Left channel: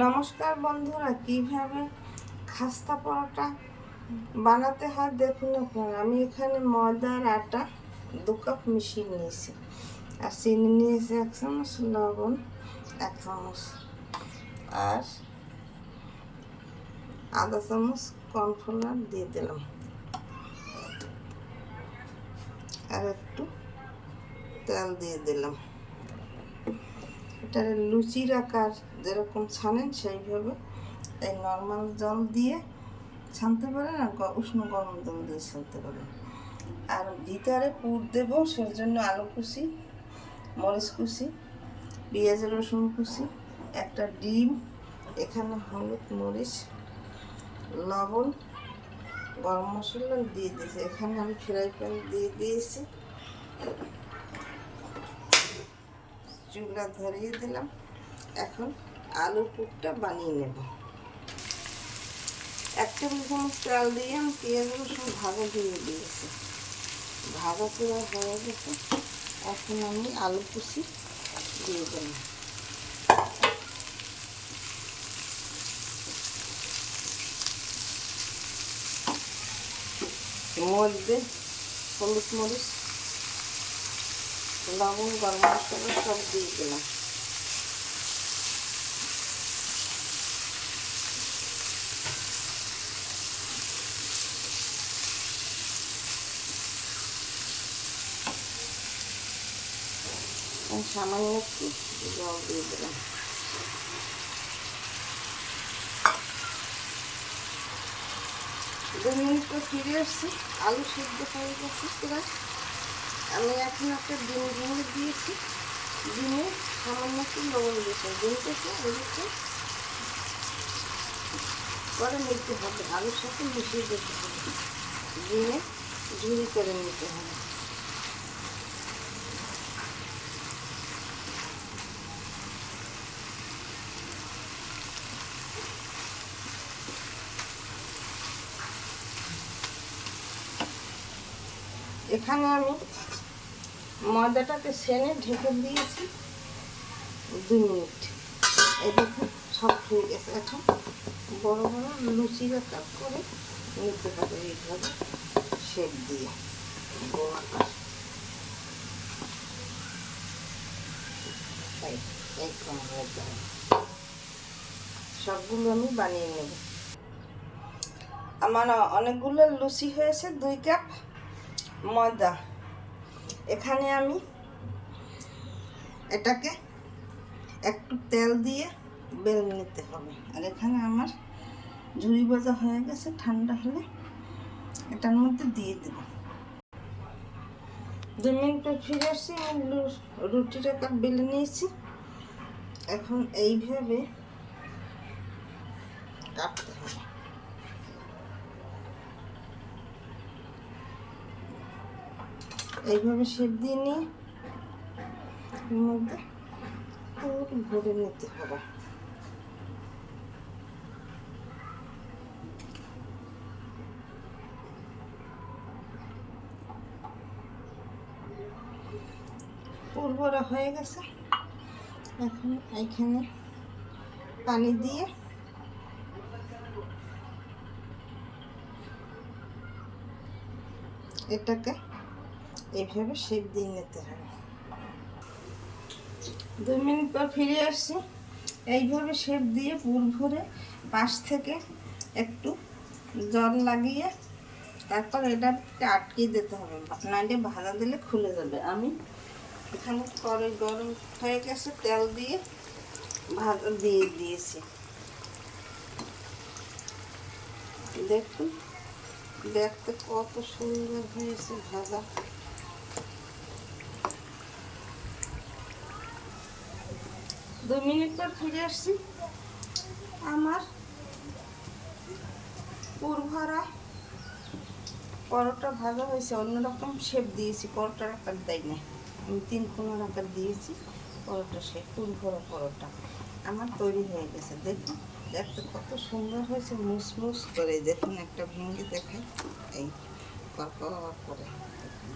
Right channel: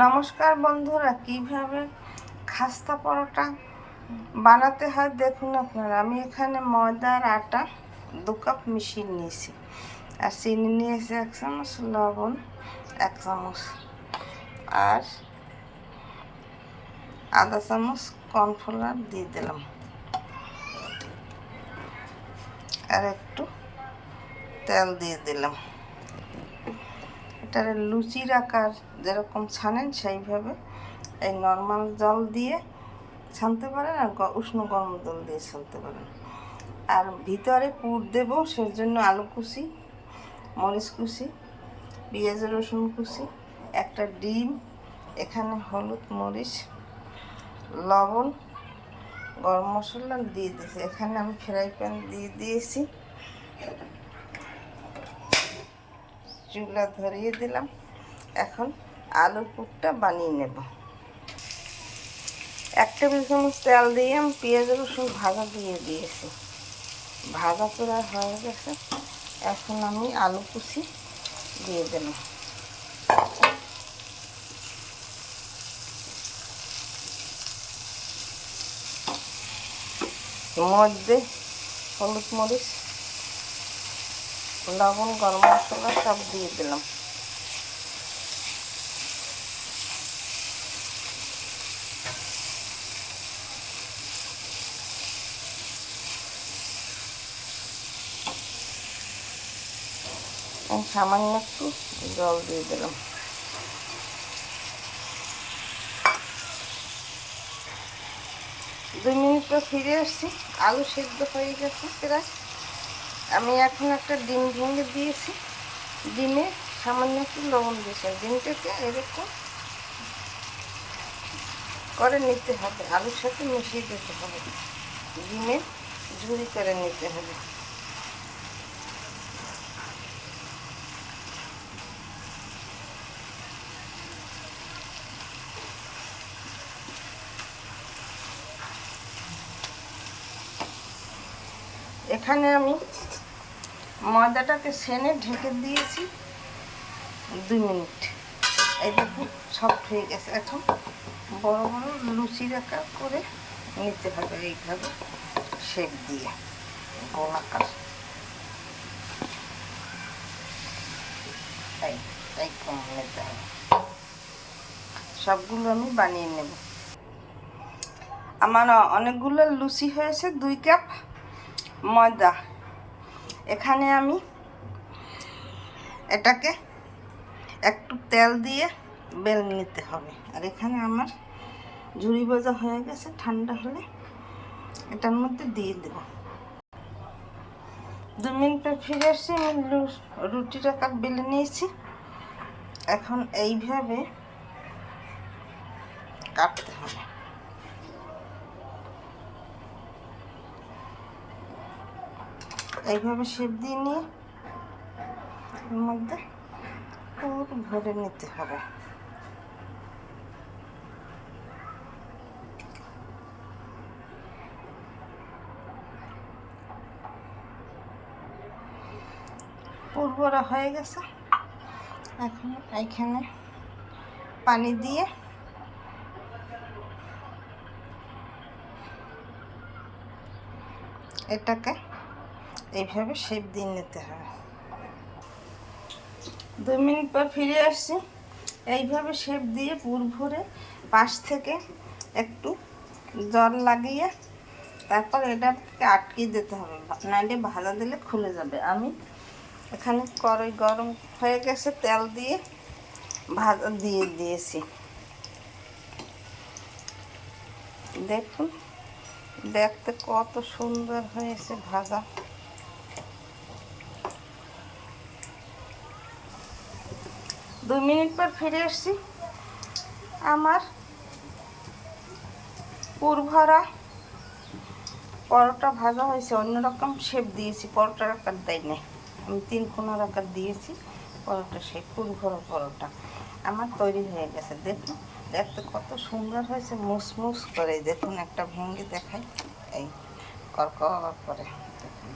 নমস্কার বন্ধুরা, কিভাবে খাস্তা পরোটা বানাতে হয় দেখুন আপনারা। আমি এখানে ময়দার আটা 2 কাপ মিশিয়ে নিয়েছি, আর চিনি নিয়েছি 1 চামচ, লবণ 1 চামচ, আর আধা চামচ কর্নফ্লাওয়ার দিয়ে দিলাম, আর একটু তেল দিয়ে দিলাম। এটার লুচির আকার যেরকম ছানেন সেইভাবে এই নর্মাল জল দিয়ে ছানতে পারেন, আর উষ্ণ গরম জল দিয়ে ছানতে পারেন। আর ভিতরে পুর দেব, সেজন্য আলু কুচি, মরিচ কুচি, পেঁয়াজ রসুন কুচি, একটা ডিম, এখানে হলুদ, মরিচ, লবণ, গরম মশলা দিয়ে দিয়েছি। এখানে আমি ফ্রাই প্যান দিয়ে দিয়েছি, চুলা ধরিয়ে দিলাম। এখন আলুর পুরটা বানিয়ে নেব। 1 টেবিল চামচ তেল দিয়ে আমি পেঁয়াজ রসুন ভাজা দিয়ে দিয়েছি। ভাজা প্রায় হয়ে গেছে, এখন আমি আলু কুচি দিয়ে দিলাম। মধ্যে হলুদ, মরিচ, লবণ, গরম মশলা সব দিয়ে দিলাম। সামান্য একটু জল দিয়ে দিলাম। দুই মিনিট পর ফিরে আসছি, আলু সেদ্ধ হয়ে গেছে প্রায়। আমি এখন একটা ডিম ভেঙে দিয়েছি, ডিমে সামান্য একটু লবণ দিয়েছি। ডিমটাকে এরকম করে নিতে হবে, আলুর সাথে মিশিয়ে দিতে হবে, ডিমে ঝুড়ি করে নিতে হবে। এখানে আমি ময়দাটাকে সেনে ঢেকে দিয়েছি 2 মিনিট। এই দেখুন সফট হয়ে গেছে। এখন বড় বড় লুচির আকার করে নিতে হবে, এইভাবে শেপ দিয়ে গোলাকার। তাই কম নিতে হবে। সবগুলো আমি বানিয়ে নেব। আমার অনেকগুলো লুচি হয়েছে। 2 কাপ ময়দা। এখানে আমি এটাকে একটু তেল দিয়ে বেল নিতে হবে। আর এখানে আমার ঝুড়ি ভাজা হয়ে গেছে, ঠান্ডা হলে এটার মধ্যে দিয়ে দেব। 2 মিনিট পর ফিরে আসছি, আমি রুটির আকার বেলে নিয়েছি। এখন এইভাবে কাটতে হবে। এইভাবে শেপ দিয়ে নিয়ে এর মধ্যে পুর ভরে নিতে হবে। পুর ভরা হয়ে গেছে। এখন এখানে পানি দিয়ে এটাকে এইভাবে শেপ দিয়ে নিতে হবে। 2 মিনিট পর ফিরে আসছি। এইভাবে শেপ দিয়ে পুর ভরে পাশ থেকে একটু জল লাগিয়ে তারপর এটাকে আটকে দিতে হবে, নাইলে ভাজা দিলে খুলে যাবে। আমি এখানে কড়াই গরম হয়ে গেছে, তেল দিয়ে ভাজা দিয়ে দিয়েছি। দেখুন দেখতে কত সুন্দর হয়েছে ভাজা। 2 মিনিট পর ফিরে আসছি। আমার পুর ভরা পরোটা ভাজা হয়েছে। অন্যরকম শেপ দিয়েছি, পরোটার আকার দেয় না, আমি 3 কোণার আকার দিয়েছি। পরোটা শেপ, পুর ভরা পরোটা আমার তৈরি হয়ে গেছে। দেখুন দেখতে কত সুন্দর হয়েছে, মুসমুস করে। দেখুন একটা ভেঙে দেখাই, এই করকর করে। দেখুন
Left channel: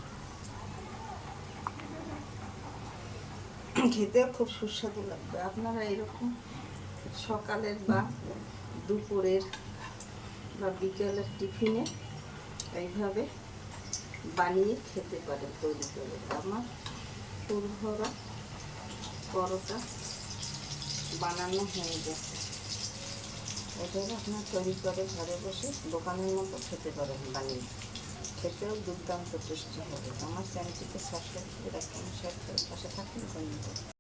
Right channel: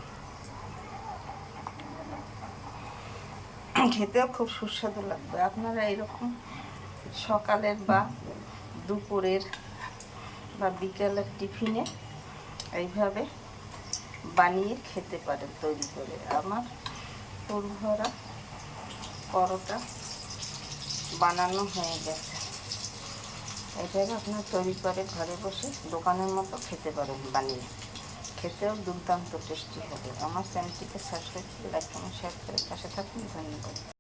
খেতেও খুব সুস্বাদু লাগবে। আপনারা এইরকম সকালের বা দুপুরের বা বিকেলের টিফিনে এইভাবে বানিয়ে খেতে পারেন তৈরি করে। আমার পুর ভরা পরোটা বানানো হয়ে গেছে। এইভাবে আপনারা তৈরি করে ঘরে বসে দোকানের মতো খেতে পারেন বানিয়ে, খেতেও দুর্দান্ত টেস্টি হবে। আমার চ্যানেলটিকে সাবস্ক্রাইব করে লাইক কমেন্ট শেয়ার করে পাশে থাকুন। ধন্যবাদ।